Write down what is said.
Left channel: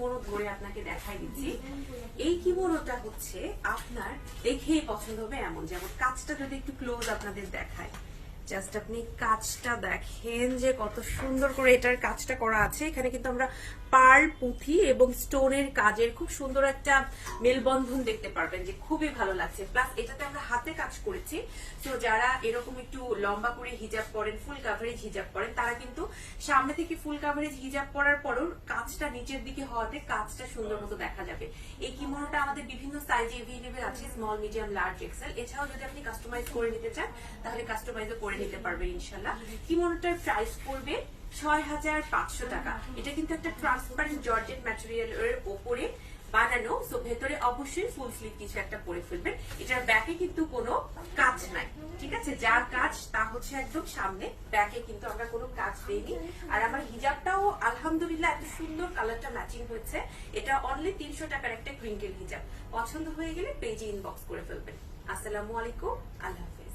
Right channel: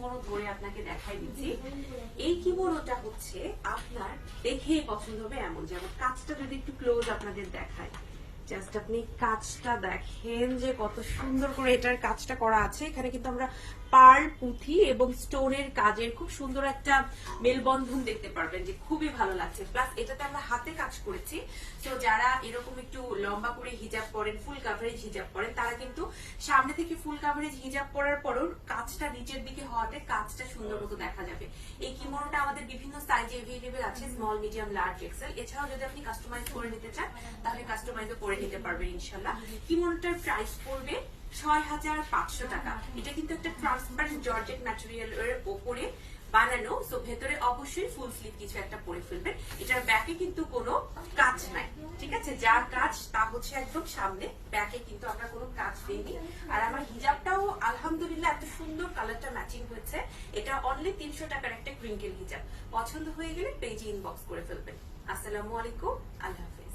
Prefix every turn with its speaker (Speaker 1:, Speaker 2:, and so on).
Speaker 1: Kimono ধরে আপনাকে দেখাই দিচ্ছি। এই কিমোনোটা হচ্ছে আপনার দেখেই পছন্দ হবে এমন, যেমন কাজটা যদি একটু ক্লোজ আপনাদের দেখায়। জাস্ট আপনি কাজটা দেখেন যে কত সুন্দর করে এটার কাজটা করা আছে। এখানে কিন্তু আমরা পার পুঁথি এবং স্টোনের কাজের খুব সুন্দর একটা মেলবন্ধন দেখতে পারবেন যে খুবই ভালো লাগছে। প্লাস এটাতে আমরা হাতে কাজ করেছি। তো যারা এরকম একটু লম্বা করে হিজাব পরেন ফুল কাভারেজ হিজাব পরেন তারা কিন্তু সামনে থেকে ফুল কাভারেজ হিজাব পরার পরও কাজটা নিচের দিকে হওয়াতে কাজটা সুন্দর মতো দেখা যাবে। এই কিমোনটা আমাদের বিভিন্ন সাইজে এভেলেবেল আছে স্মল মিডিয়াম লার্জ এক্সেল এছাড়াও যদি আপনি কাস্টমাইজ করে নিতে চান, তাহলে কাস্টমাইজও করে নিতে পারবেন ইনশাল্লাহ কিমোনটার প্রাইস পড়বে ছয় হাজার পাঁচশো টাকা। এটা কিন্তু একটা ট্রান্সপারেন্ট জর্জেট ম্যাটেরিয়াল এর ওপরে বানানো সো ভেতরে অবশ্যই ফুল স্লিভ কিছু একটা পরে ফেলবেন। এটার ব্যাকে কিন্তু কোনো কাজ নাই, ঠিক আছে? যা কাজ, তা হচ্ছে একদম সামনে। ব্যাকে কিন্তু আমরা কোনো কাজ দেইনি। আর আমার হিজাবটাও আলহামদুলিল্লাহ এত সুন্দর কালারটা ম্যাচিং হয়েছে। এটা অনলি তিনশো টাকার একটা ক্রিঙ্কেল হিজাব। পছন্দ হয়ে গেলে পেজে ইনবক্স করে ফেলবেন। আসসালামু আলাইকুম, আল্লাহ হাফিজ।